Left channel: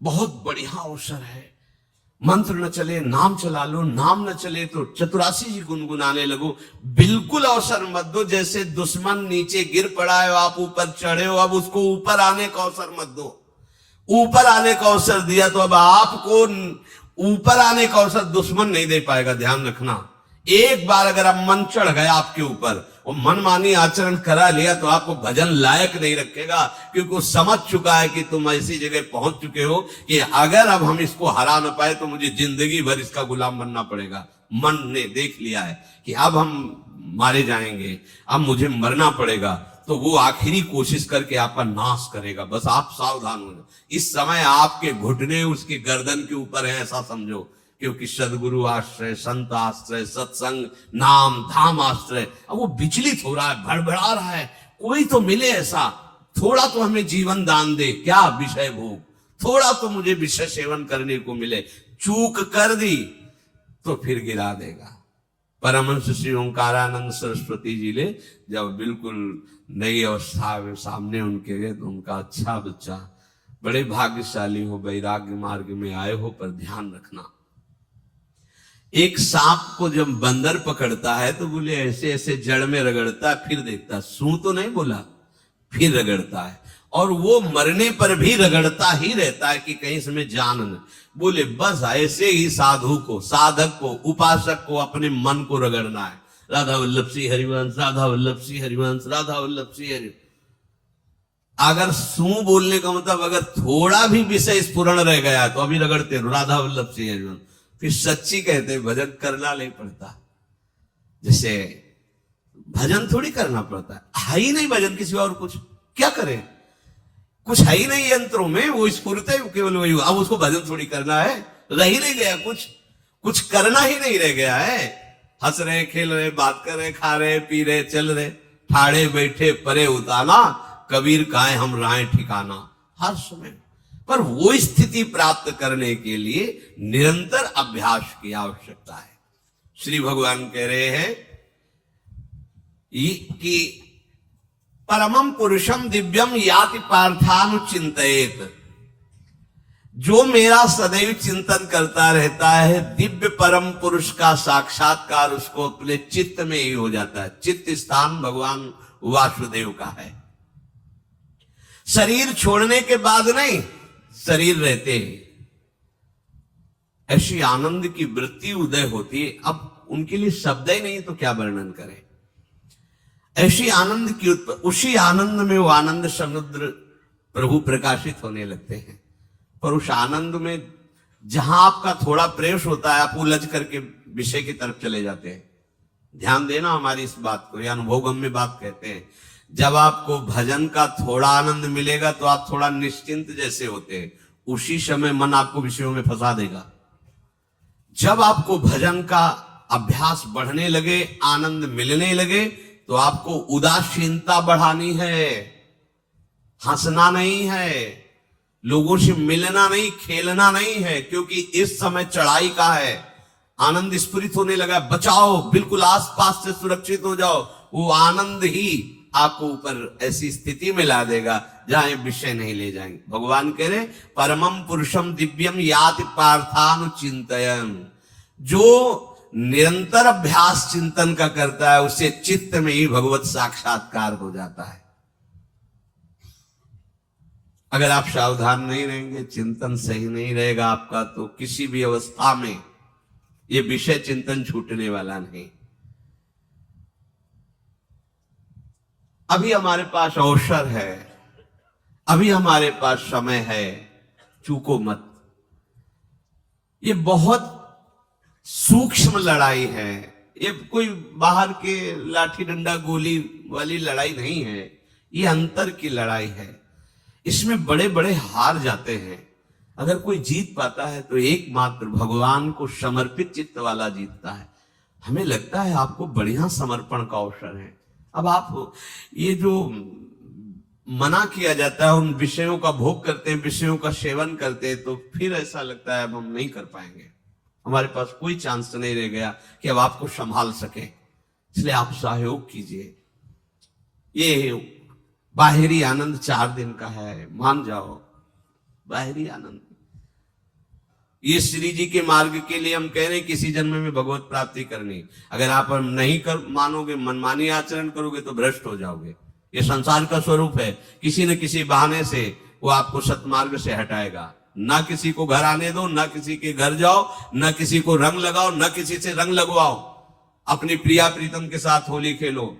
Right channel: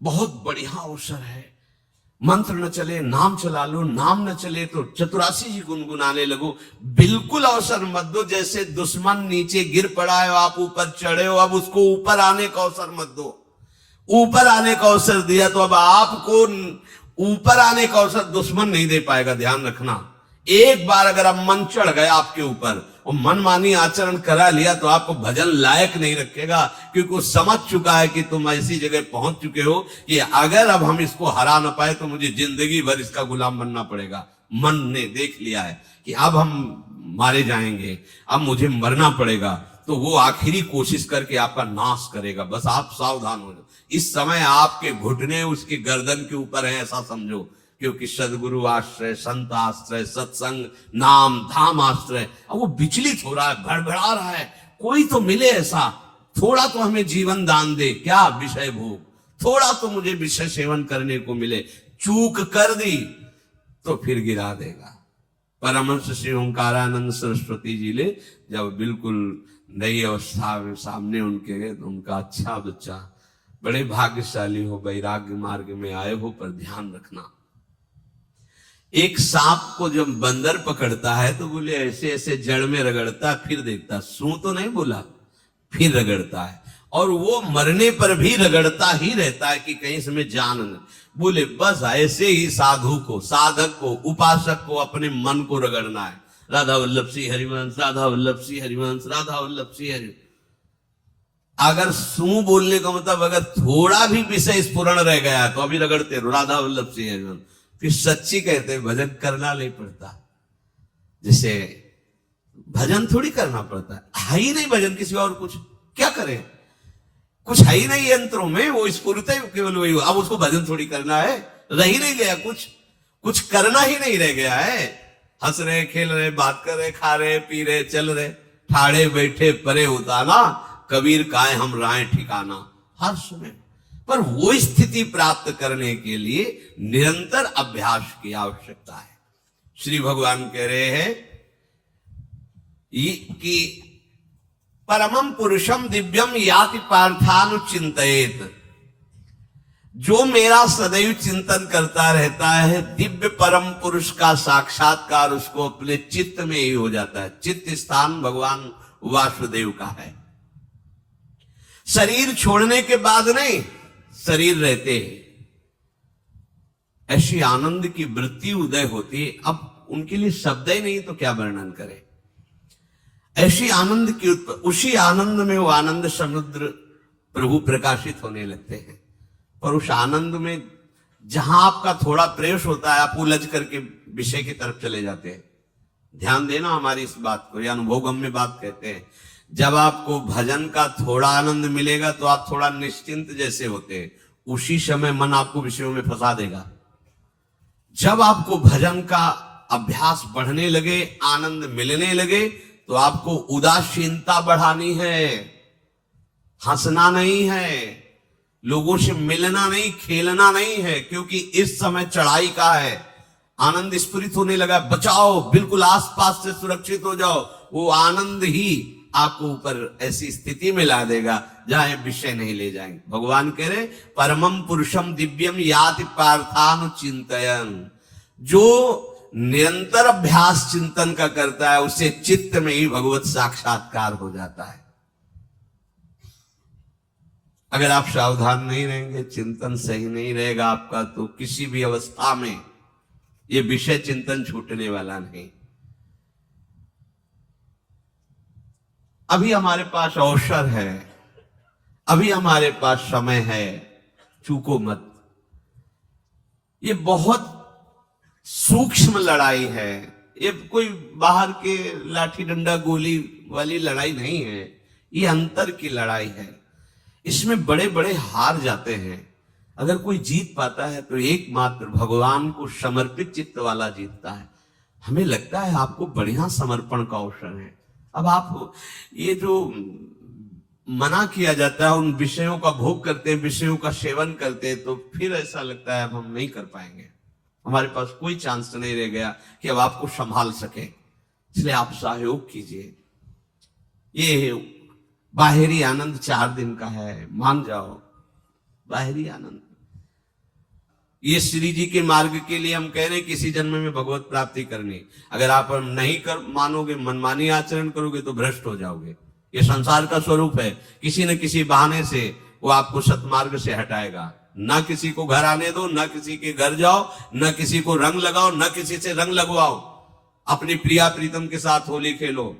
बहुत बढ़िया अवसर है। मंत्र न चले नाम चला लो, नाम न चले तो चतुरासी जी गुनगुनाने लगो। बिल्कुल अवसर मत दो। जैसे दुश्मन नीचे गिर पड़ा है, आप ऊपर चढ़े हो, अब उसको ऊपर आने का अवसर मत दो। ऊपर आने का अवसर दिया तो अब आपको ऊपर आने का अवसर दुश्मन नहीं दे पाएगा। ध्यान रखना, एक बार अगर अब मन चढ़ गया आपके ऊपर और मनमानी आचरण करा लिया तो आपको भजन लायक नहीं रखेगा, क्योंकि वो समझ चुका है कि तुम ऐसी जगह पहुंच चुके हो कि अगर अब हम इसको हरा ना पाए तो मुझे जिंदगी भर इसका गुलाम बनना पड़ेगा। मन ने देख लिया है कि अब हम मारे जाएंगे, अब मुझे मरना पड़ेगा, तो वो आखिरी कोशिश करके आपका नाश करेगा। बस आप सावधान हो जाओ। इस समय आपके घुटने उसकी गर्दन के ऊपर है, ऐसा समझो, क्योंकि सदगुरु आश्रय, संत आश्रय, सत्संग, नाम धाम आश्रय, अब वो विचलित हो रहा है, भड़बड़ा रहा है। कोई तो मिले ऐसा, थोड़ा तो हमें जीवन दान दे, क्या विषय भोग, थोड़ा तो मुझे विषय सेवन करने को मिले। चूक कर दी तो फिर गिरा देगा। परमहंस श्री ओंकारानंद सरस्वती जी ले जब बिल्कुल नई अवस्था में सामने उनके, उनका अच्छा बच्चा, बड़े भाग्यशाली हो, वैराग्य मार्ग में आए हो, पर ध्यान रखना, एक सांप को जब बंदर पकड़ता है तो बोले ऐसे ऐसे जड़ में रगड़ता, फिर देखता, सू तो नहीं बोला, फिर रगड़ता है, और वो मरने पर भी रगड़ता ही रहता है कि कहीं इसमें जान न। बोले बस ऐसे ही साधु को, साधक को, उपासक को अपने मन को रगड़ना है। राधा वल्लभ श्री हरिवंश, राधा वल्लभ श्री हरिवंश, राधा वल्लभ श्री हरि। अगर सू बोलने का मतलब अगर थोड़ा भी विषय स्फुरण रह गया तो अभी रगड़ते रहो, राधा वल्लभ श्री हरिवंश। फिर सच्ची कहते हैं भजन करना नहीं पड़ता। जैसे भजन थोड़ी करना पड़ता है ही नहीं भजन, किसी और कुछ क्या करें, कुछ है ही नहीं यंत्रों में, वो स्फुरते केवल वही। अब उसको भजन थोड़ी करना है, रह ही नहीं गया कुछ, कुछ करना ही नहीं रह गया है। हंस रहे, खेल रहे, बात कर रहे, खा रहे, पी रहे, चल रहे, ठाड़े बैठे परे उताना, कबीर काहे हम राय ठिकाना। हर समय पर वो स्थिति प्राप्त करने के लिए निरंतर अभ्यास की आवश्यकता है। श्री भगवान कह रहे हैं कि परमम पुरुषम दिव्यम याति पार्थानुचिंतयेत, जो मेरा सदैव चिंतन करता रहता है, दिव्य परम पुरुष का साक्षात्कार उसको अपने चित्त में ही हो जाता है। चित्त स्थान भगवान वासुदेव का है। शरीर छोड़ने के बाद नहीं, शरीर रहते ऐसी आनंद की वृत्ति उदय होती है। अब उनके लिए शब्द ही नहीं तो क्या वर्णन करें। ऐसी आनंद की उसी आनंद में वो आनंद समुद्र प्रभु प्रकाशित होने लगते हैं। पर उस आनंद में जहां आपका थोड़ा प्रवेश होता है, आप उलझ करके विषय की तरफ चले जाते हैं। ध्यान देना हमारी इस बात को, यह अनुभवगम्य बात कहते हैं। जब आपको भजन का थोड़ा आनंद मिलेगा तो आप थोड़ा निश्चिंत जैसे होते हैं, उसी समय मन आपको विषयों में फंसा देगा। जब आपको भजन का अभ्यास बढ़ने लगे, आनंद मिलने लगे, तो आपको उदासीनता बढ़ानी है, हंसना नहीं है, लोगों से मिलना नहीं, खेलना नहीं है, क्योंकि इस समय चढ़ाई का है। आनंद स्फुरित होने लगा, बचाओ, बिल्कुल आसपास से सुरक्षित हो जाओ। वो आनंद ही आपको ऊपर ऐसी स्थिति में ला देगा जहां विषय नहीं ले जाएंगे। भगवान कह रहे परमम पुरुषम दिव्यम याति पार्थानुचिंतयन्, जो निरंतर अभ्यास चिंतन का करता है उसे चित्त में ही भगवत साक्षात्कार हो जाता है। अगर आप सावधान नहीं रहेंगे, चिंतन सही नहीं रहेगा आपका, तो किसी भी अवस्था में ये विषय चिंतन छूटने वाला नहीं। अभी हमारे पास अवसर है, अभी हमारे पास समय है, चूको मत। ये बहुत सूक्ष्म लड़ाई है, ये कोई बाहर के लाठी डंडा गोली वाली लड़ाई नहीं है, ये अंतर की लड़ाई है। इसमें बड़े बड़े हार जाते हैं। अगर कोई जीत पाता है तो एकमात्र भगवान को समर्पित चित्त वाला जीतता है। हमें लगता है आपको बढ़िया समर्पण का अवसर है। अब आप ये जो मना किया जाता है, उन विषयों का भोग करते, विषयों का सेवन करते, तो फिर ऐसा लगता है अब हम नहीं कर पाएंगे, हमारे पास कोई चांस नहीं रह गया कि अब आपको संभाल सके। इसलिए आप सहयोग कीजिए। ये बाहरी आनंद 4 दिन का है, मान जाओ, बाहरी आनंद ये श्री जी के मार्ग के लिए हम कह रहे हैं किसी जन्म में भगवत प्राप्ति करनी। अगर आप नहीं कर मानोगे, मनमानी आचरण करोगे तो भ्रष्ट हो जाओगे। ये संसार का स्वरूप है, किसी न किसी बहाने से वो आपको सतमार्ग से हटाएगा। ना किसी को घर आने दो, ना किसी के घर जाओ, ना किसी को रंग लगाओ, ना किसी से रंग लगवाओ। अपनी प्रिया प्रीतम के साथ होली खेलो।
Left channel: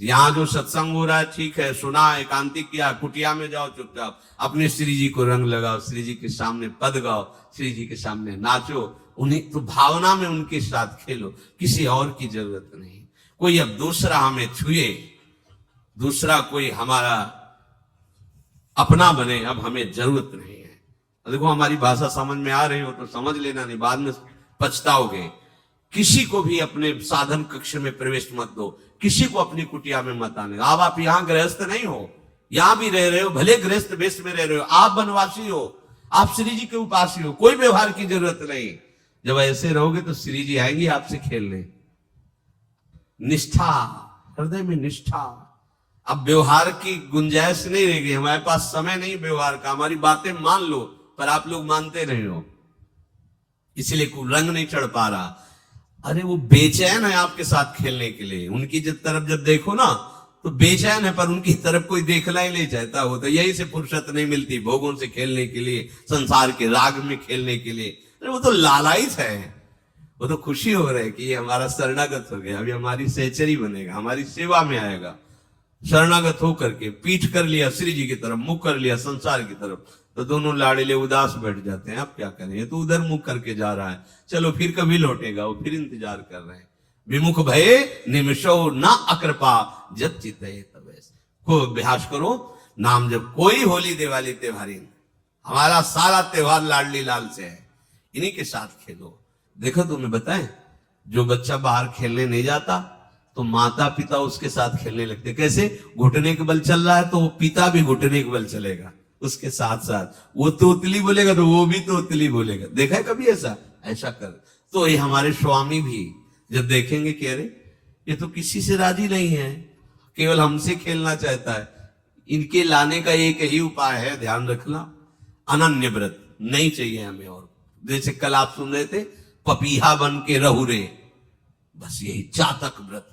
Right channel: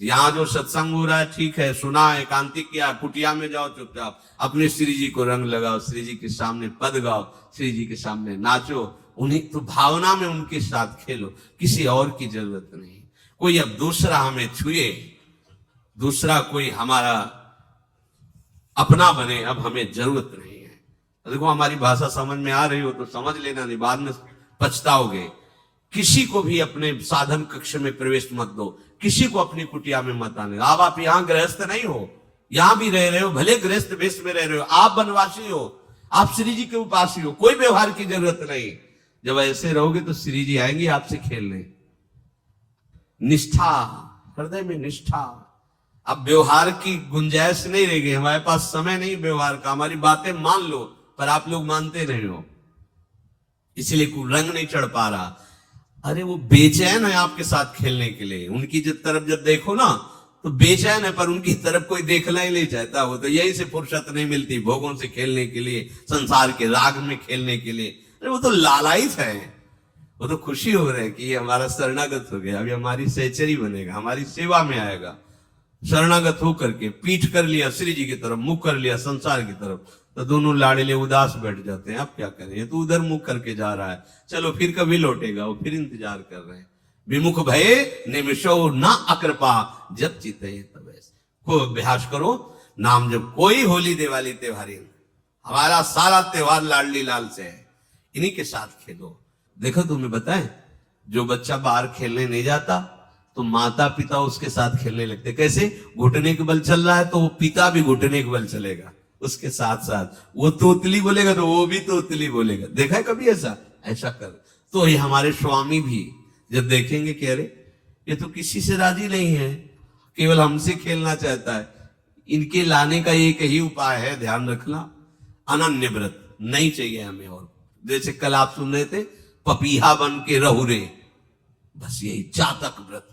यहाँ जो सत्संग हो रहा है ठीक है, सुना, एकांतिक किया, कुटिया में जाओ चुपचाप, अपने श्री जी को रंग लगाओ, श्री जी के सामने पद गाओ, श्री जी के सामने नाचो, उन्हीं तो भावना में उनके साथ खेलो, किसी और की जरूरत नहीं। कोई अब दूसरा हमें छुए, दूसरा कोई हमारा अपना बने, अब हमें जरूरत नहीं है। देखो हमारी भाषा समझ में आ रही हो तो समझ लेना, नहीं बाद में पछताओगे। किसी को भी अपने साधन कक्ष में प्रवेश मत दो, किसी को अपनी कुटिया में मत आने। अब आप यहाँ गृहस्थ नहीं हो, यहां भी रह रहे हो, भले गृहस्थ वेश में रह रहे हो, आप वनवासी हो, आप श्री जी के उपासी हो, कोई व्यवहार की जरूरत नहीं। जब ऐसे रहोगे तो श्री जी आएंगे आपसे खेलने। निष्ठा, हृदय में निष्ठा। अब व्यवहार की गुंजाइश नहीं रहेगी, हमारे पास समय नहीं व्यवहार का। हमारी बातें मान लो, पर आप लोग मानते नहीं हो, इसलिए रंग नहीं चढ़ पा रहा। अरे वो बेचैन है आपके साथ खेलने के लिए, उनकी तरफ जब देखो ना तो बेचैन है, पर उनकी तरफ कोई देखना ही नहीं चाहता। हो तो यही से फुर्सत नहीं मिलती भोगों से खेलने के लिए, संसार के राग में खेलने के लिए। अरे वो तो लालायित है, वो तो खुशी हो रहे कि ये हमारा शरणागत हो गया, अभी हमारी सहचरी बनेगा, हमारी सेवा में आएगा। शरणागत होकर के पीठ कर लिया श्री जी की तरफ, मुख कर लिया संसार की तरफ, तो दोनों लाड़िले उदास बैठ जाते हैं। अब क्या करें, ये तो उधर मुख करके जा रहा है, चलो फिर कभी लौटेगा, वो फिर इंतजार कर रहे हैं। विमुख भये निमिषो न अकृपा, जब चिते तब। खूब अभ्यास करो नाम जब। कोई होली दिवाली त्योहारी, हमारा सारा त्योहार लाडली लाल से है, इन्हीं के साथ खेलो। देखो तुम्हें बताएं, जो बच्चा बाहर खेलने नहीं जाता तो माता पिता उसके साथ खेलने लगते। कैसे? घुटने के बल चल रहा है तो पिता भी घुटने के बल चलेगा उसके साथ साथ। वो तोतली बोलेगा तो वो भी तोतली बोलेगा। देखा है कभी ऐसा? ऐसा कर। तो ये हमारे स्वामी भी जब देखेंगे कि अरे ये तो किसी से राजी नहीं है, केवल हमसे खेलना चाहता है, इनके लाने का एक ही उपाय है, ध्यान रखना, अनन्य व्रत। नहीं चाहिए हमें और। जैसे कल आप सुन रहे थे, पपीहा बन के रहू रे, बस यही चातक व्रत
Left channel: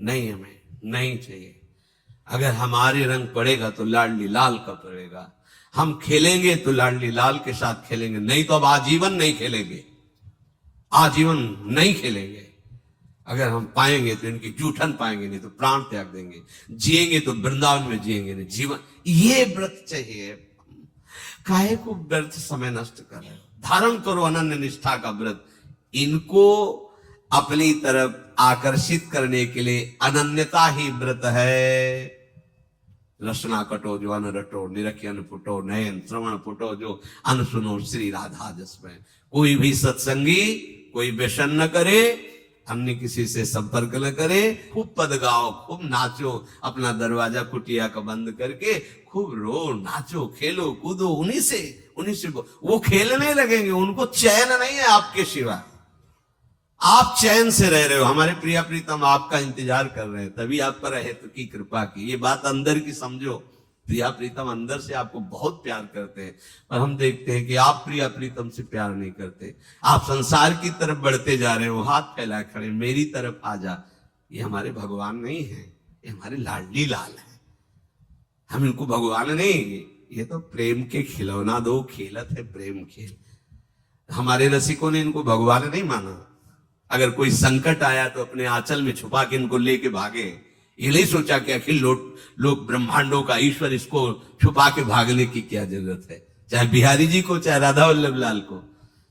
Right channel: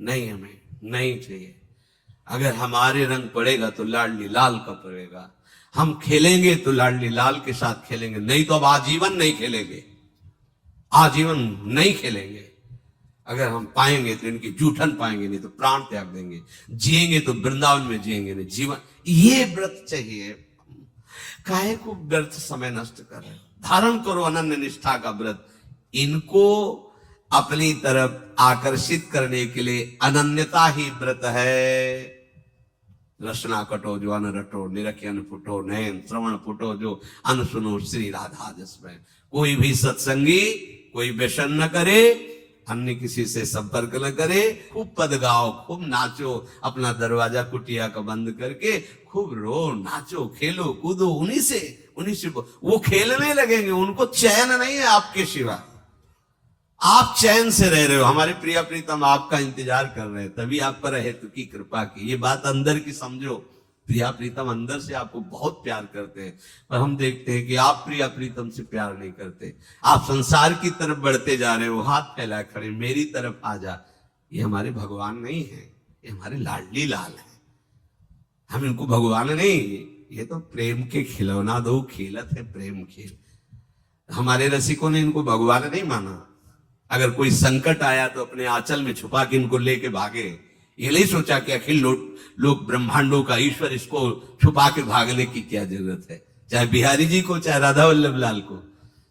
नहीं, हमें नहीं चाहिए। अगर हमारे रंग पड़ेगा तो लाडली लाल का पड़ेगा, हम खेलेंगे तो लाडली लाल के साथ खेलेंगे, नहीं तो अब आजीवन नहीं खेलेंगे, आजीवन नहीं खेलेंगे। अगर हम पाएंगे तो इनकी जूठन पाएंगे, नहीं तो प्राण त्याग देंगे। जिएंगे तो वृंदावन में जिएंगे, नहीं जीवन। ये व्रत चाहिए। काहे को व्यर्थ समय नष्ट कर रहे हो? धारण करो अनन्य निष्ठा का व्रत। इनको अपनी तरफ आकर्षित करने के लिए अनन्यता ही व्रत है। रसना कटो जो अन रटो, निरखियन फुटो नयन, श्रवण फुटो जो अन सुनो, श्री राधा जसमैन। कोई भी सत्संगी कोई व्यसन न करे, अन्य किसी से संपर्क न करे, खूब पद गाओ, खूब नाचो, अपना दरवाजा कुटिया का बंद करके खूब रो, नाचो, खेलो, कूदो, उन्हीं से वो खेलने लगेंगे। उनको चैन नहीं है आपके सिवा, आप चैन से रह रहे हो। हमारे प्रिया प्रीतम आपका इंतजार कर रहे हैं, तभी आप पर हेतु की कृपा की। ये बात अंदर की समझो, प्रिया प्रीतम अंदर से आपको बहुत प्यार करते हैं, पर हम देखते हैं कि आप प्रिया प्रीतम से प्यार नहीं करते। आप संसार की तरफ बढ़ते जा रहे हो, हाथ फैलाए खड़े, मेरी तरफ आ जा। ये हमारे भगवान नहीं है, ये हमारे लाडली लाल है। हम इनको भगवान नहीं, ये तो प्रेम के खिलौना दो खेलत है, प्रेम खेल। हमारे रसिकों ने इनको भगवान नहीं माना। अगर कोई संकट आया तो अपने आंचल में छुपा के इनको लेके भागे। ये नहीं सोचा कि अखिल लोक ब्रह्मांडों का ईश्वर, इसको छुपा के भागने की क्या जरूरत है। चाहे बिहारी जी को, चाहे राधा वल्लभ लाल को,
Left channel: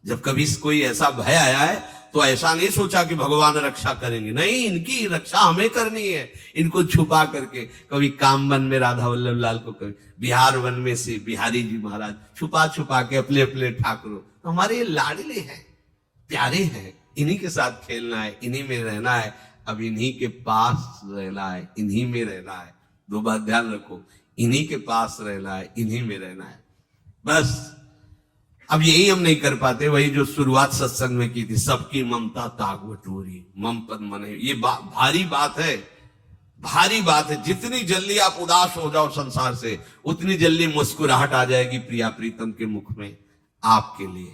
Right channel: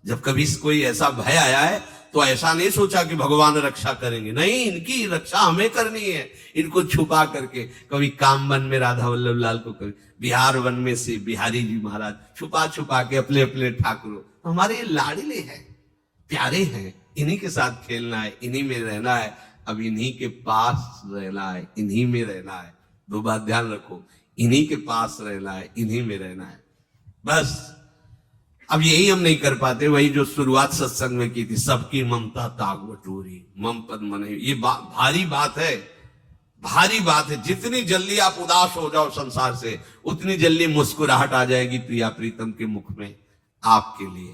जब कभी कोई ऐसा भय आया है तो ऐसा नहीं सोचा कि भगवान रक्षा करेंगे, नहीं, इनकी रक्षा हमें करनी है। इनको छुपा करके, कभी काम वन में राधा वल्लभ लाल को, कभी बिहार वन में से बिहारी जी महाराज, छुपा छुपा के अपने अपने ठाकुरों। हमारे ये लाडले हैं, प्यारे हैं, इन्हीं के साथ खेलना है, इन्हीं में रहना है। अब इन्हीं के पास रहना है, इन्हीं में रहना है। दो बात ध्यान रखो, इन्हीं के पास रहना है, इन्हीं में रहना है, बस। अब यही हम नहीं कर पाते, वही जो शुरुआत सत्संग में की थी, सबकी ममता ताग बटोरी, मम पद मन। ये भारी बात है, भारी बात है। जितनी जल्दी आप उदास हो जाओ संसार से, उतनी जल्दी मुस्कुराहट आ जाएगी प्रिया प्रीतम के मुख में आपके लिए।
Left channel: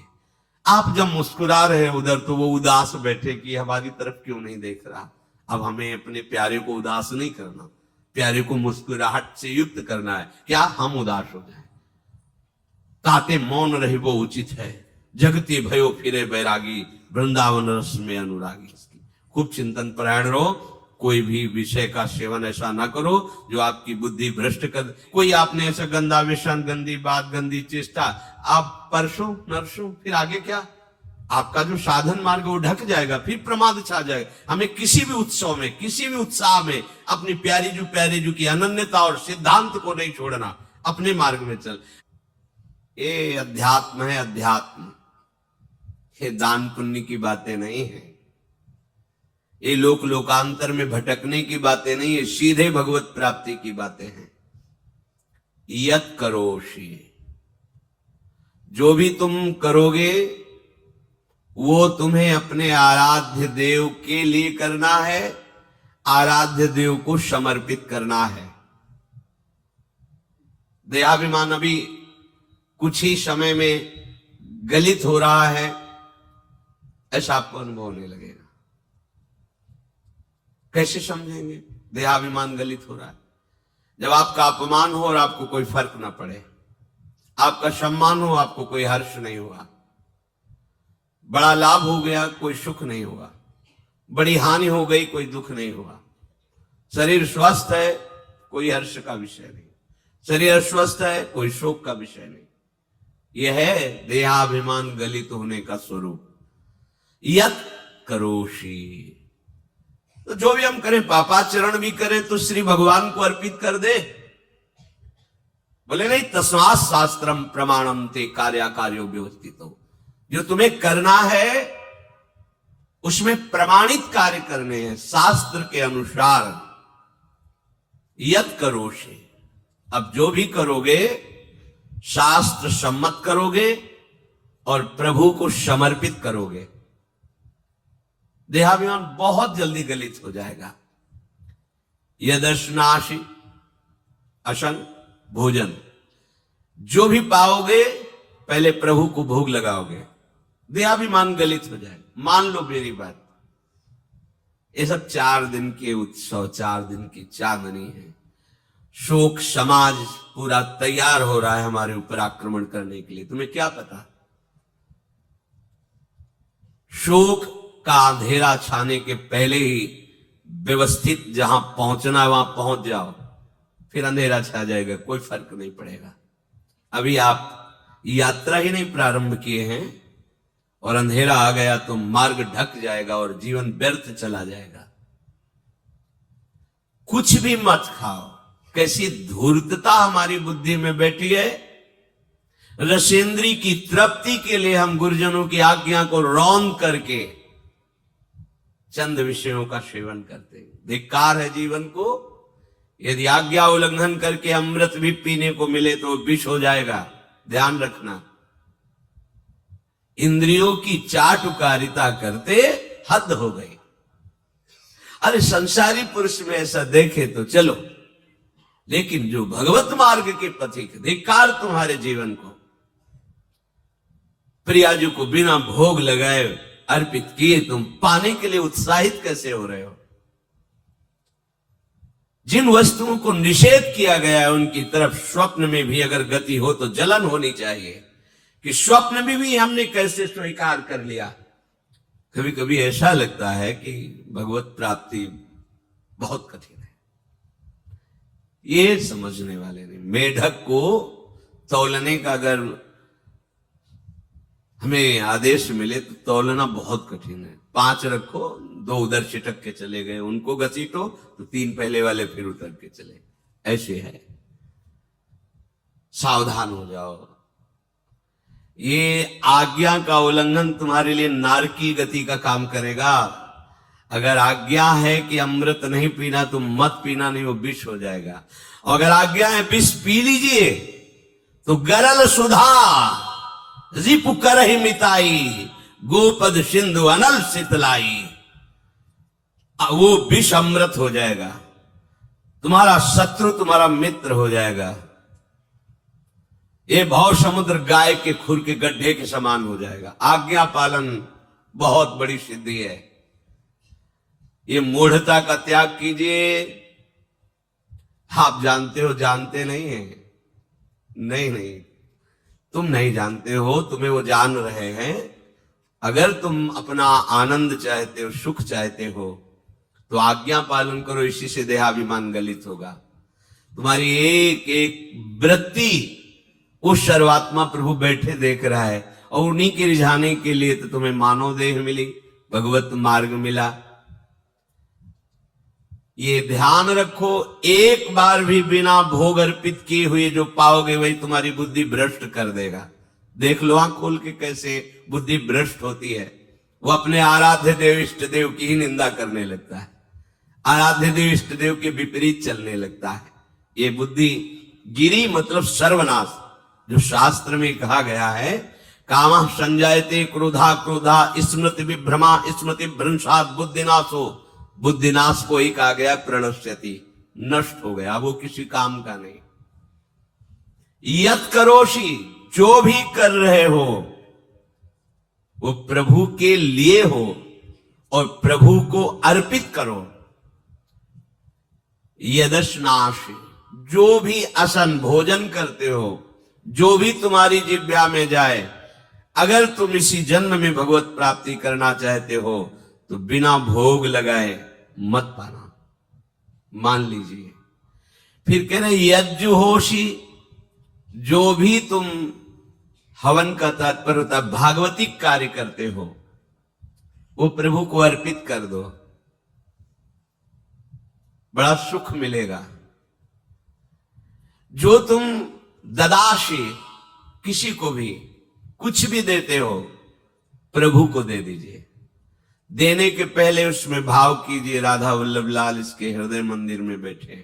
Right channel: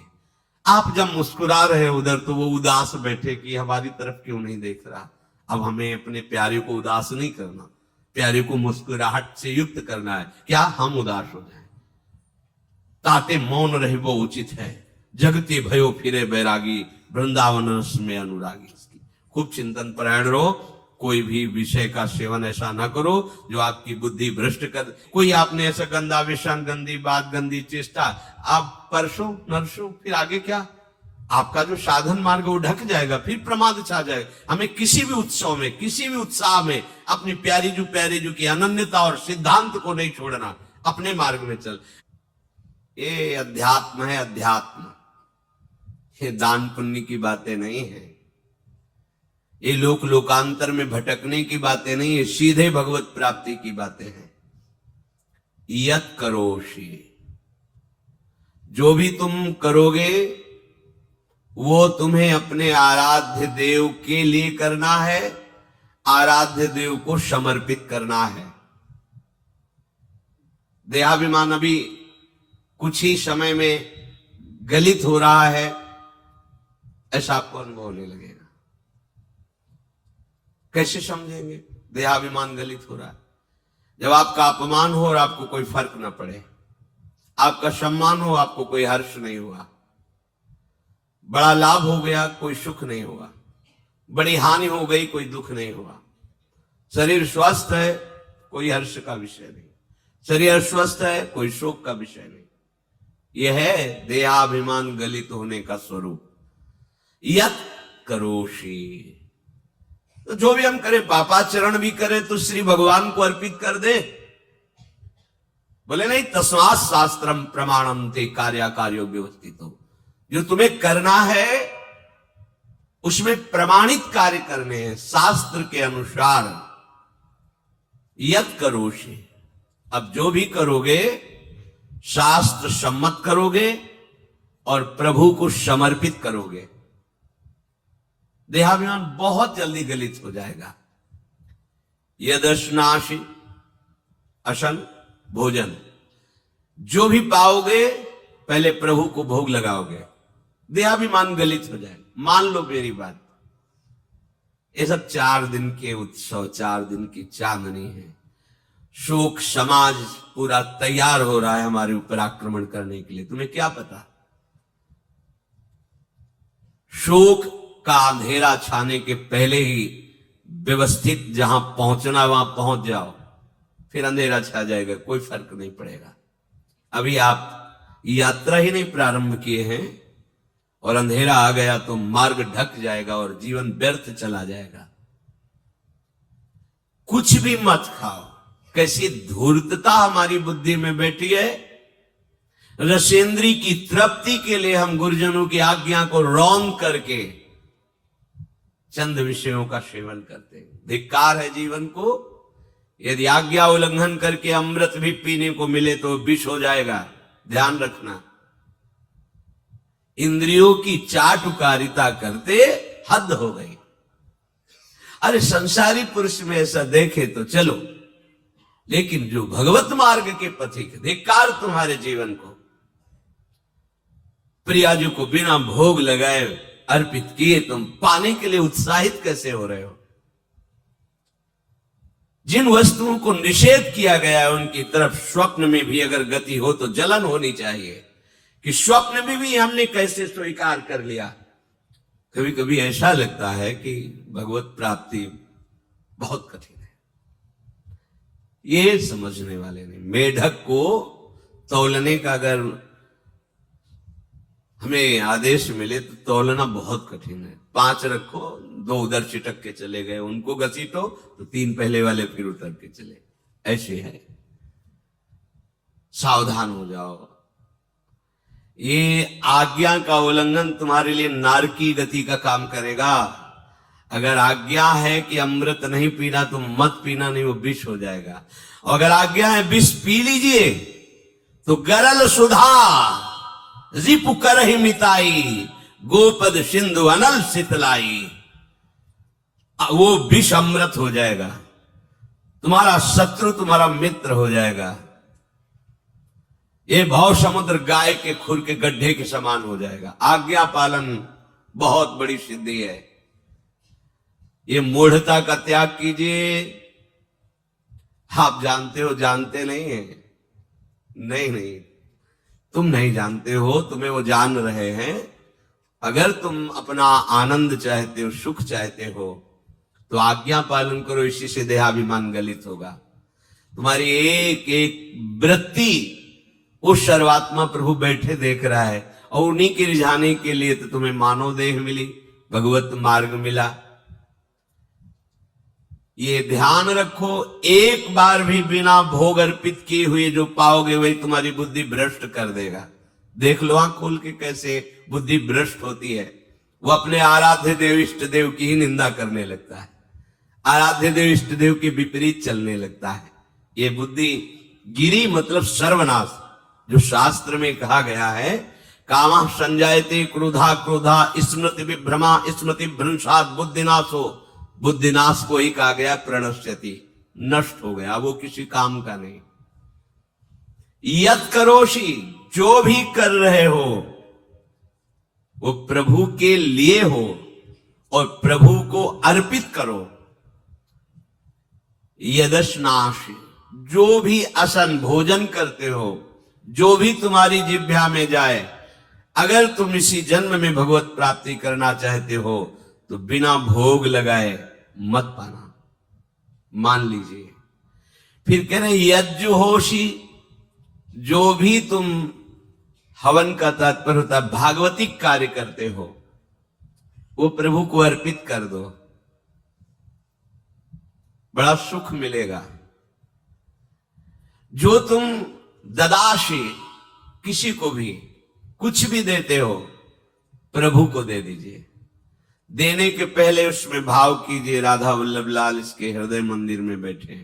आप जब मुस्कुरा रहे हैं उधर तो वो उदास बैठे कि हमारी तरफ क्यों नहीं देख रहा। अब हमें अपने प्यारे को उदास नहीं करना, प्यारे को मुस्कुराहट से युक्त करना है। क्या हम उदास हो जाए? ताते मौन रहे वो उचित है, जगते भयो फिरे बैरागी, वृंदावन रस में अनुरागी। खूब चिंतन परायण रहो, कोई भी विषय का सेवन ऐसा ना करो जो आपकी बुद्धि भ्रष्ट कर। कोई आपने ऐसा गंदा व्यसन, गंदी बात, गंदी चेष्टा आप परसों नरसों, फिर आगे क्या? आपका जो साधन मार्ग वो ढक जाएगा, फिर प्रमाद छा जाएगा। हमें किसी भी उत्सव में, किसी भी उत्साह में अपनी प्यारी जो की अनन्यता और सिद्धांत को नहीं छोड़ना, अपने मार्ग में चल। ये अध्यात्म है, अध्यात्म। ये दान पुण्य की बातें नहीं है, ये लोकांतर में भटकने की बातें नहीं है, सीधे भगवत प्राप्ति की बातें हैं। यत करोषि, जो भी तुम करोगे वो तुम्हें अपने आराध्य देव के लिए करना है, आराध्य देव को समर्पित करना है। देहाभिमान अभी कुछ ही समय में गलित हो रहा है, ऐसा आपको अनुभव होने लगेगा। कैसे समझेंगे देहाभिमान गलित हो रहा है? जब आपका अपमान हो और आपको कोई फर्क न पड़े, आपका सम्मान हो, आपको कोई हर्ष नहीं हुआ, बड़ा लाभ हो गया, कोई सुख नहीं हुआ, बड़ी हानि हो गई, कोई दुख नहीं हुआ, शरीर स्वस्थ है, कोई हर्ष का विषय नहीं, शरीर अस्वस्थ है, कोई शोक का विषय नहीं। यह है देहाभिमान गलित होने का स्वरूप। यत करोषि, तो जो भी हम करें, पापाचरण भी करें तो श्री भगवान को अर्पित कर दे। बोले नहीं, तस्मात् शास्त्रम प्रमाणम ते कार्याकार्यो व्यवस्थितो। जो तुम्हें करना है उसमें प्रमाणित कार्य करने हैं, शास्त्र के अनुसार। यत करोषि, अब जो भी करोगे शास्त्र सम्मत करोगे और प्रभु को समर्पित करोगे। देहाभिमान बहुत जल्दी गलित हो जाएगा। यदर्शनाशि अशन भोजन, जो भी पाओगे पहले प्रभु को भोग लगाओगे, देहाभिमान गलित हो जाएगा। मान लो मेरी बात, ये सब 4 दिन के उत्सव, 4 दिन की चांदनी है। शोक समाज पूरा तैयार हो रहा है हमारे ऊपर आक्रमण करने के लिए। तुम्हें क्या पता? शोक का अंधेरा छाने के पहले ही व्यवस्थित जहां पहुंचना वहां पहुंच जाओ, फिर अंधेरा छा जाएगा, कोई फर्क नहीं पड़ेगा। अभी आप यात्रा ही नहीं प्रारंभ किए हैं और अंधेरा आ गया तो मार्ग ढक जाएगा और जीवन व्यर्थ चला जाएगा। कुछ भी मत खाओ। कैसी धूर्तता हमारी बुद्धि में बैठी है। रसेंद्री की तृप्ति के लिए हम गुरुजनों की आज्ञा को रौन करके चंद विषयों का सेवन करते हैं। धिक्कार है जीवन को। यदि आज्ञा उल्लंघन करके अमृत भी पीने को मिले तो विष हो जाएगा, ध्यान रखना। इंद्रियों की चाटुकारिता करते हद हो गई। अरे संसारी पुरुष में ऐसा देखे तो चलो, लेकिन जो भगवत मार्ग के पथिक, धिक्कार तुम्हारे जीवन को। प्रियाजू को बिना भोग लगाए अर्पित किए तुम पाने के लिए उत्साहित कैसे हो रहे हो? जिन वस्तुओं को निषेध किया गया है उनकी तरफ स्वप्न में भी अगर गति हो तो जलन होनी चाहिए कि स्वप्न में भी हमने कैसे स्वीकार कर लिया। कभी कभी ऐसा लगता है कि भगवत प्राप्ति बहुत कठिन है, ये समझने वाले नहीं। मेढक को तौलने का अगर हमें आदेश मिले तो तौलना बहुत कठिन है। 5 रखो, 2 उधर चिटक के चले गए, उनको घसीटो तो 3 पहले वाले फिर उतर के चले, ऐसे है। सावधान हो जाओ। ये आज्ञा का उल्लंघन तुम्हारे लिए नारकी गति का काम करेगा। अगर आज्ञा है कि अमृत नहीं पीना तो मत पीना, नहीं वो विष हो जाएगा। अगर आज्ञा है विष पी लीजिए तो गरल सुधा रिपु करहि मिताई, गोपद सिंधु अनल शीतलाई। वो विष अमृत हो जाएगा, तुम्हारा शत्रु तुम्हारा मित्र हो जाएगा। ये भव समुद्र गाय के खुर के गड्ढे के समान हो जाएगा। आज्ञा पालन बहुत बड़ी सिद्धि है। ये मूढ़ता का त्याग कीजिए। आप जानते हो, जानते नहीं है? नहीं, तुम नहीं जानते हो, तुम्हें वो जान रहे हैं। अगर तुम अपना आनंद चाहते हो, सुख चाहते हो, तो आज्ञा पालन करो। इसी से देहाभिमान गलित होगा। तुम्हारी एक एक वृत्ति उस सर्वात्मा प्रभु बैठे देख रहा है, और उन्हीं के रिझाने के लिए तो तुम्हें मानव देह मिली, भगवत मार्ग मिला। ये ध्यान रखो, एक बार भी बिना भोग अर्पित किए हुए जो पाओगे वही तुम्हारी बुद्धि भ्रष्ट कर देगा। देख लो आंख खोल के कैसे बुद्धि भ्रष्ट होती है। वो अपने आराध्य देव इष्ट देव की ही निंदा करने लगता है, आराध्य देव इष्ट देव के विपरीत चलने लगता है। ये बुद्धि गिरी मतलब सर्वनाश। जो शास्त्र में कहा गया है, कामः संजायते क्रोधा क्रोधा स्मृति विभ्रमा स्मृति भ्रंशात् बुद्धिनाशो। बुद्धिनाश को ही कहा गया प्रणश्यति, नष्ट हो गया, वो किसी काम का नहीं। यत् करोषि, जो भी कर रहे हो वो प्रभु के लिए हो और प्रभु को अर्पित करो। यदश्नासि, जो भी असन भोजन करते हो, जो भी तुम्हारी जिह्वा में जाए, अगर तुम इसी जन्म में भगवत प्राप्ति करना चाहते हो तो बिना भोग लगाए मत पाना, मान लीजिए। फिर कह रहे यज्जुहोषि, जो भी तुम हवन का तात्पर्य होता है भागवतिक कार्य करते हो, वो प्रभु को अर्पित कर दो, बड़ा सुख मिलेगा। जो तुम ददाशी, किसी को भी कुछ भी देते हो, प्रभु को दे दीजिए। देने के पहले उसमें भाव कीजिए, राधा वल्लभ लाल इसके हृदय मंदिर में बैठे।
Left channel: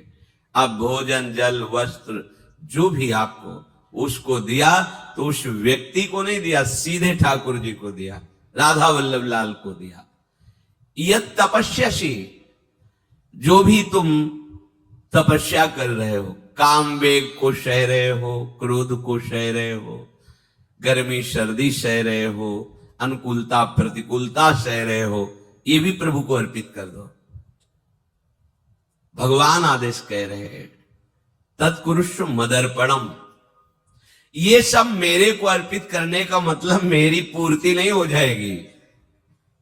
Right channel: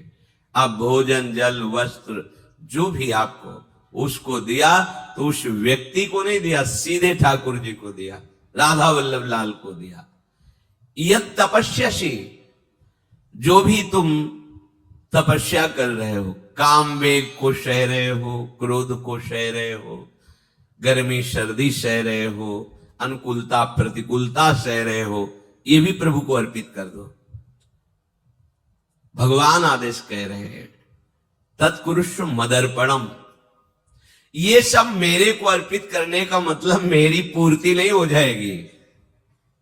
अब भोजन जल वस्त्र जो भी आपको उसको दिया तो उस व्यक्ति को नहीं दिया, सीधे ठाकुर जी को दिया, राधा वल्लभ लाल को दिया। यत् तपस्यासि, जो भी तुम तपस्या कर रहे हो, काम वेग को सह रहे हो, क्रोध को सह रहे हो, गर्मी सर्दी सह रहे हो, अनुकूलता प्रतिकूलता सह रहे हो, ये भी प्रभु को अर्पित कर दो। भगवान आदेश कह रहे हैं तत्कुरुष्व मदर्पणम। ये सब मेरे को अर्पित करने का मतलब मेरी पूर्ति नहीं हो जाएगी,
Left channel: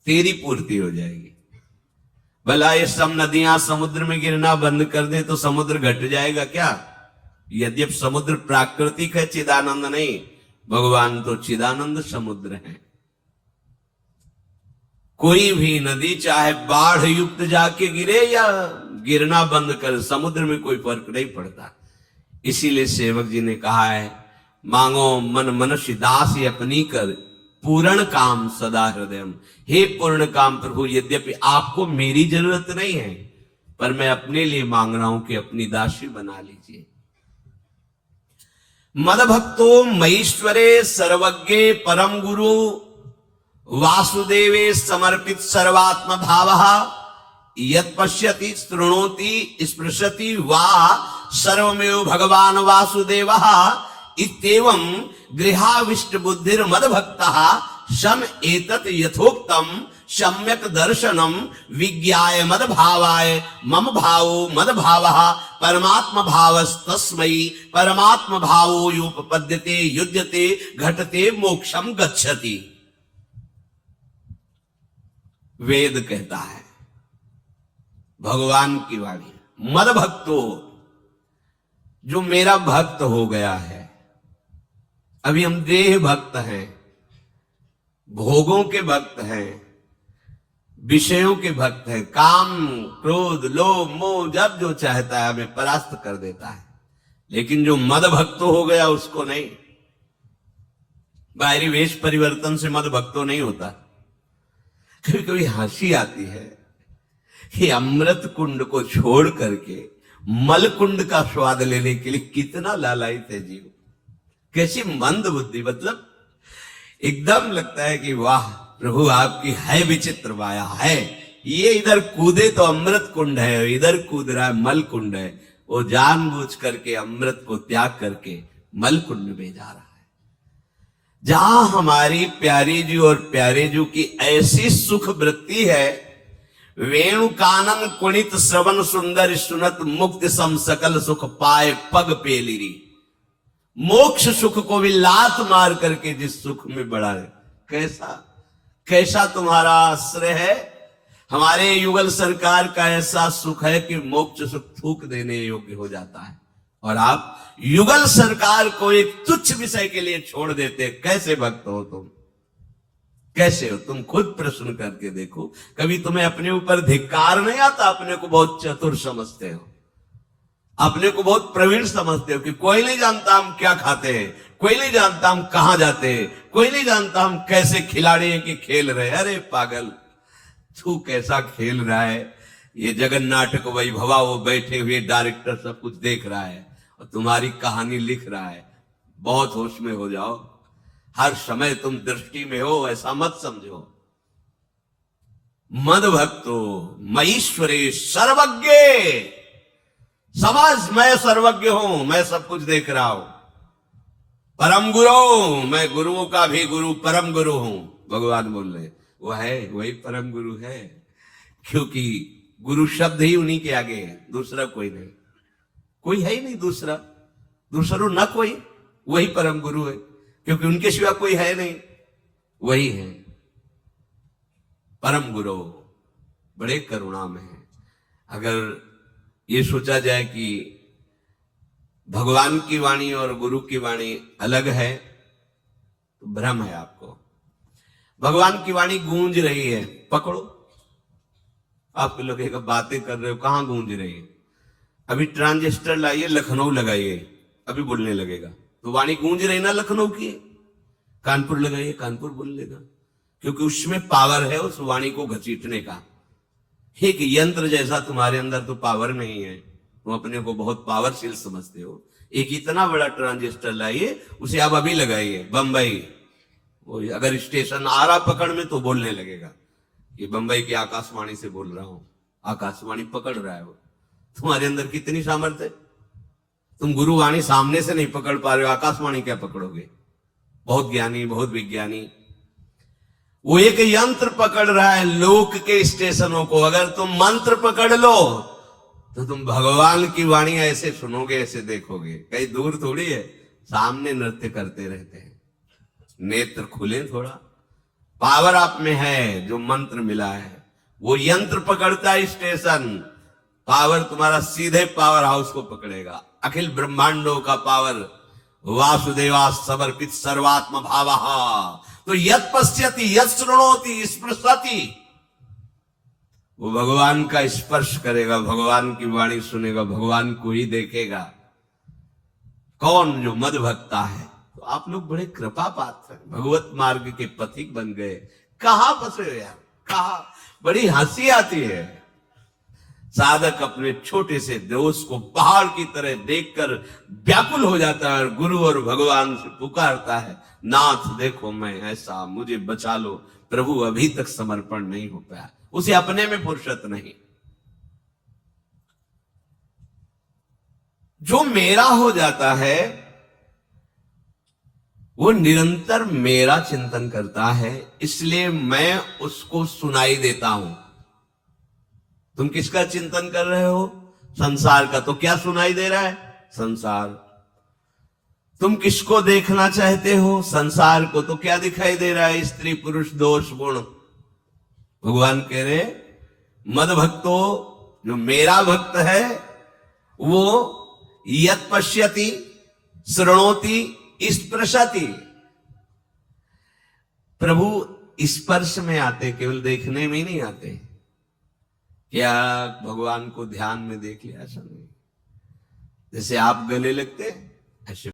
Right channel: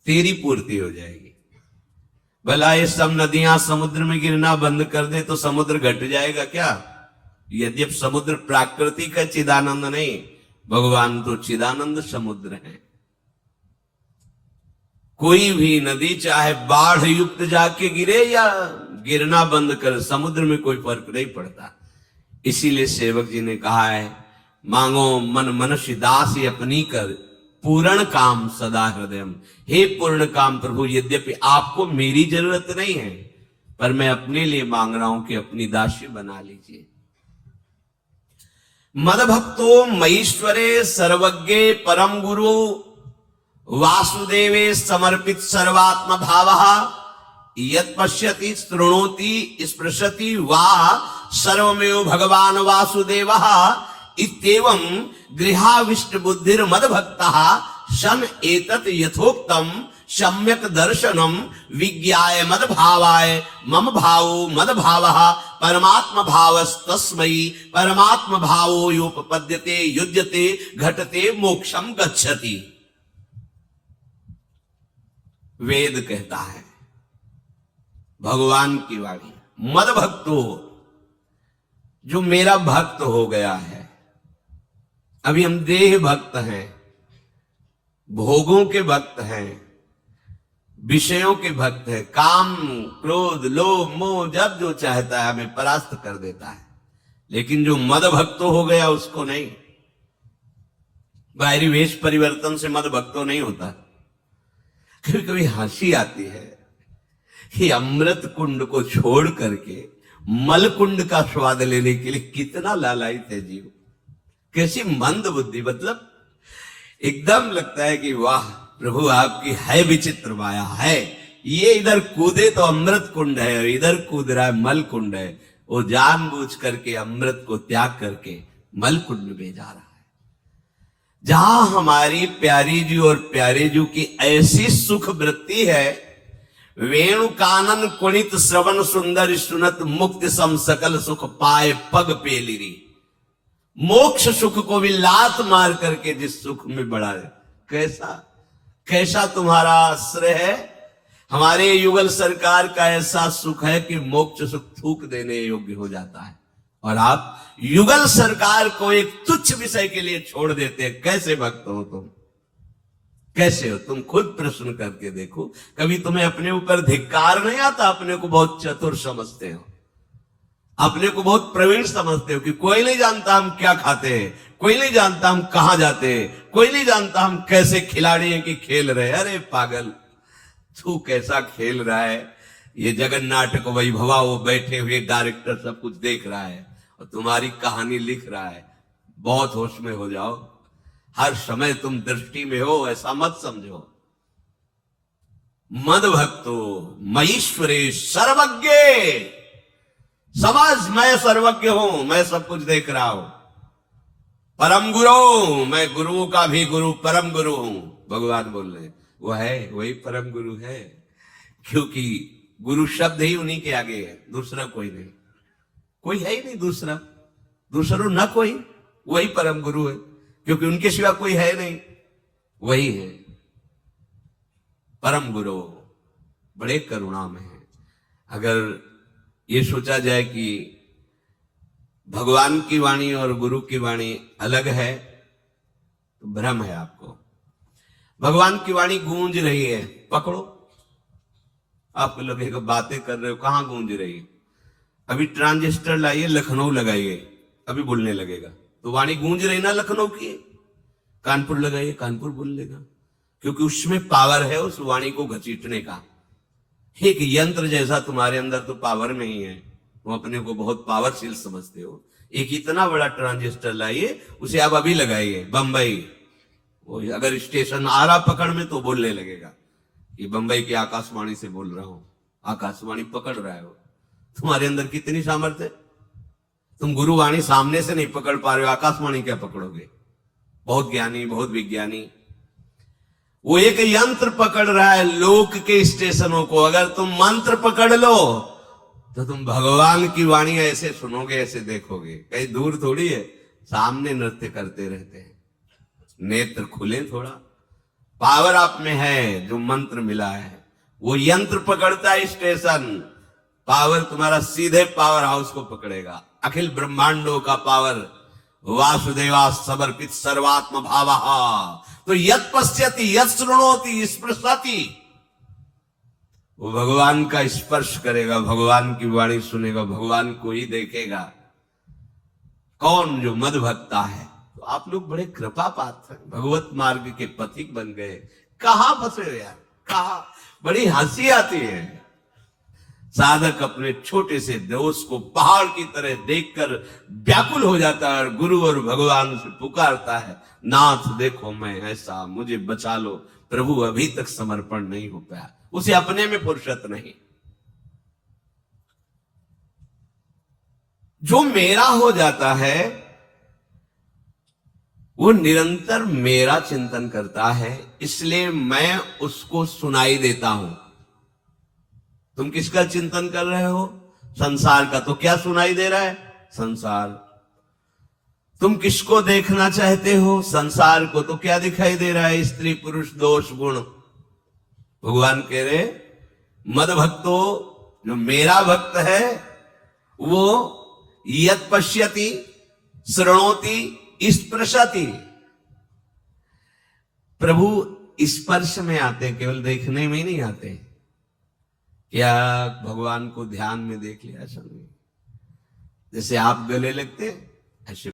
तेरी पूर्ति हो जाएगी। भला ये सब नदियां समुद्र में गिरना बंद कर दे तो समुद्र घट जाएगा क्या? यद्यपि समुद्र प्राकृतिक है, चिदानंद नहीं। भगवान तो चिदानंद समुद्र है। कोई भी नदी चाहे बाढ़ युक्त जाके गिरे या गिरना बंद कर, समुद्र में कोई फर्क नहीं पड़ता। इसीलिए सेवक जी ने कहा है, मांगो मन मनुष्य दास अपनी कर, पूर्ण काम सदा हृदय। हे पूर्ण काम प्रभु, यद्यपि आपको मेरी जरूरत नहीं है, पर मैं अपने लिए मांग रहा हूं कि अपनी दासी बना लीजिए। मद भक्तो मईश्वरे सर्वज्ञे परम गुरु वासुदेवे समर्पित सर्वात्म भावः यत् पश्यति शृणोति स्पृशति वा सर्वमेव भगवान वासुदेवः इत्येवं गृहाविष्ट बुद्धिर मद भक्तः सम एतत् यथोक्तम सम्यक दर्शनम विज्ञाय मद भावाय मम भावो मद भावः परमात्म भावस्तस्मै परमात्म भावो योपपद्यते युज्यते घटते मोक्षम गच्छति। वेद कहता है, भगवान की वाणी, मद भक्तो, जो मेरा भक्त हो गया है। अभी हम देह भक्त हैं, भोगों के भक्त हैं, विषयों के भक्त हैं। काम क्रोध लोभ मोह जब जो चाहता है हमें परास्त कर देता है, लेकिन जो मद भक्तो हो गया उसको नहीं। बाहरी वेश परिवर्तन से मद भक्तो नहीं होता। कभी कभी हंसी आती है कि अमृत कुंड को छोड़ करके मल कुंड का स्वाद लेने के लिए कितना लालायित है जीव। कैसी मंद बुद्धि, मतलब एकदम लगता है कि वाह प्रभु आपकी है विचित्र माया है। ये इधर कूदे तो अमृत कुंड है, इधर कूद रहा है मल कुंड है। वो जानबूझ करके अमृत को त्याग करके मलकुंड में जा रहा है। जहां हमारी प्यारी जी और प्यारे जी की ऐसी सुख वृत्ति है, वेणु कानन कुणित श्रवण सुंदर सुनत मुक्ति सम सकल सुख पाए पग पेलिरी। मोक्ष सुख को भी लात मार करके जिस सुख में बढ़ाए, कैसा कैसा तुम्हारा आश्रय है। हमारे युगल सरकार का ऐसा सुख है कि मोक्ष सुख थूक देने योग्य हो जाता है, और आप युगल सरकार को एक तुच्छ विषय के लिए छोड़ देते हैं। कैसे भक्त हो तुम, कैसे हो तुम? खुद प्रश्न करके देखो। कभी तुम्हें अपने ऊपर धिक्कार नहीं आता? अपने को बहुत चतुर समझते हो, अपने को बहुत प्रवीण समझते हो कि कोई नहीं जानता हम क्या खाते हैं, कोई नहीं जानता हम कहां जाते हैं, कोई नहीं जानता हम कैसे खिलाड़ी हैं कि खेल रहे हैं। अरे पागल, तू कैसा खेल रहा है। ये जगन नाटक वैभवा, वो बैठे हुए डायरेक्टर सब कुछ देख रहा है और तुम्हारी कहानी लिख रहा है। बहुत होश में हो जाओ, हर समय तुम दृष्टि में हो, ऐसा मत समझो। मद भक्तो मईश्वरे सर्वज्ञ, समझ मैं सर्वज्ञ हूं, मैं सब कुछ देख रहा हूं। परम गुरु, मैं गुरुओं का भी गुरु, परम गुरु हूं। भगवान बोल रहे वो है, वही परम गुरु है, क्योंकि गुरु शब्द ही उन्हीं के आगे है, दूसरा कोई नहीं, कोई है ही नहीं दूसरा, दूसरो न कोई, वही परम गुरु है, क्योंकि उनके सिवा कोई है नहीं, वही है परम गुरु। बड़े करुणा में है। अगर ये सोचा जाए कि भगवान की वाणी और गुरु की वाणी अलग है तो भ्रम है आपको। भगवान की वाणी गूंज रही है, पकड़ो। आप लोग एक बातें कर रहे हो, कहां गूंज रही है? अभी ट्रांजिस्टर लाइए, लखनऊ लगाइए, अभी बोलने लगेगा। तो वाणी गूंज रही ना लखनऊ की। कानपुर लगाइए, कानपुर बोल लेगा, क्योंकि उसमें पावर है उस वाणी को घसीटने का। एक यंत्र जैसा तुम्हारे अंदर तो पावर नहीं है, तुम अपने को बहुत पावरफुल समझते हो। एक इतना बड़ा ट्रांजिस्टर लाइए, उसे आप अभी लगाइए बंबई, अगर स्टेशन आ रहा पकड़ में तो बोलने लगेगा कि बंबई की आकाशवाणी से बोल रहा हूं। आकाशवाणी पकड़ रहा है वो। तुम्हारे अंदर कितनी सामर्थ्य है? तुम गुरुवाणी सामने से नहीं पकड़ पा रहे हो, आकाशवाणी क्या पकड़ोगे? बहुत ज्ञानी, बहुत विज्ञानी, वो एक यंत्र पकड़ रहा है लोक के स्टेशनों को। अगर तुम मंत्र पकड़ लो तो तुम भगवान की वाणी ऐसे सुनोगे, ऐसे देखोगे, कहीं दूर थोड़ी है, सामने नृत्य करते रहते हैं। नेत्र खुले थोड़ा, पावर आप में है, जो मंत्र मिला है वो यंत्र पकड़ता है स्टेशन। पावर तुम्हारा सीधे पावर हाउस को पकड़ेगा। अखिल ब्रह्मांडों का पावर वासुदेवा समर्पित सर्वात्म भावा। तो यत् पश्यति यत् शृणोति स्पृशति, वो भगवान का स्पर्श करेगा, भगवान की वाणी सुनेगा, भगवान को ही देखेगा। कौन? जो मद भक्ता है। तो आप लोग बड़े कृपा पात्र हैं, भगवत मार्ग के पथिक बन गए। कहां फंसे हो यार, कहां? बड़ी हंसी आती है। साधक अपने छोटे से दोस्त को पहाड़ की तरह देखकर व्याकुल हो जाता है और गुरु और भगवान से पुकारता है, नाथ देखो मैं ऐसा, मुझे बचा लो। प्रभु अभी तक समर्पण नहीं हो पाया, उसे अपने में फुर्सत नहीं। जो मेरा हो जाता है वो निरंतर मेरा चिंतन करता है, इसलिए मैं उसको सुनाई देता हूं। तुम किसका चिंतन कर रहे हो? संसार का। तो क्या सुनाई दे रहा है? संसार। तुम किसको देखना चाहते हो? संसार को। तो क्या दिखाई दे रहा है? स्त्री पुरुष दोष गुण। भगवान कह रहे मद भक्तो, जो मेरा भक्त है वो यत् पश्यति शृणोति स्पृशति। प्रभु स्पर्श में आते, केवल देखने में नहीं आते। क्या भगवान को ध्यान में देख लिया सब? जैसे आप गले लगते ऐसे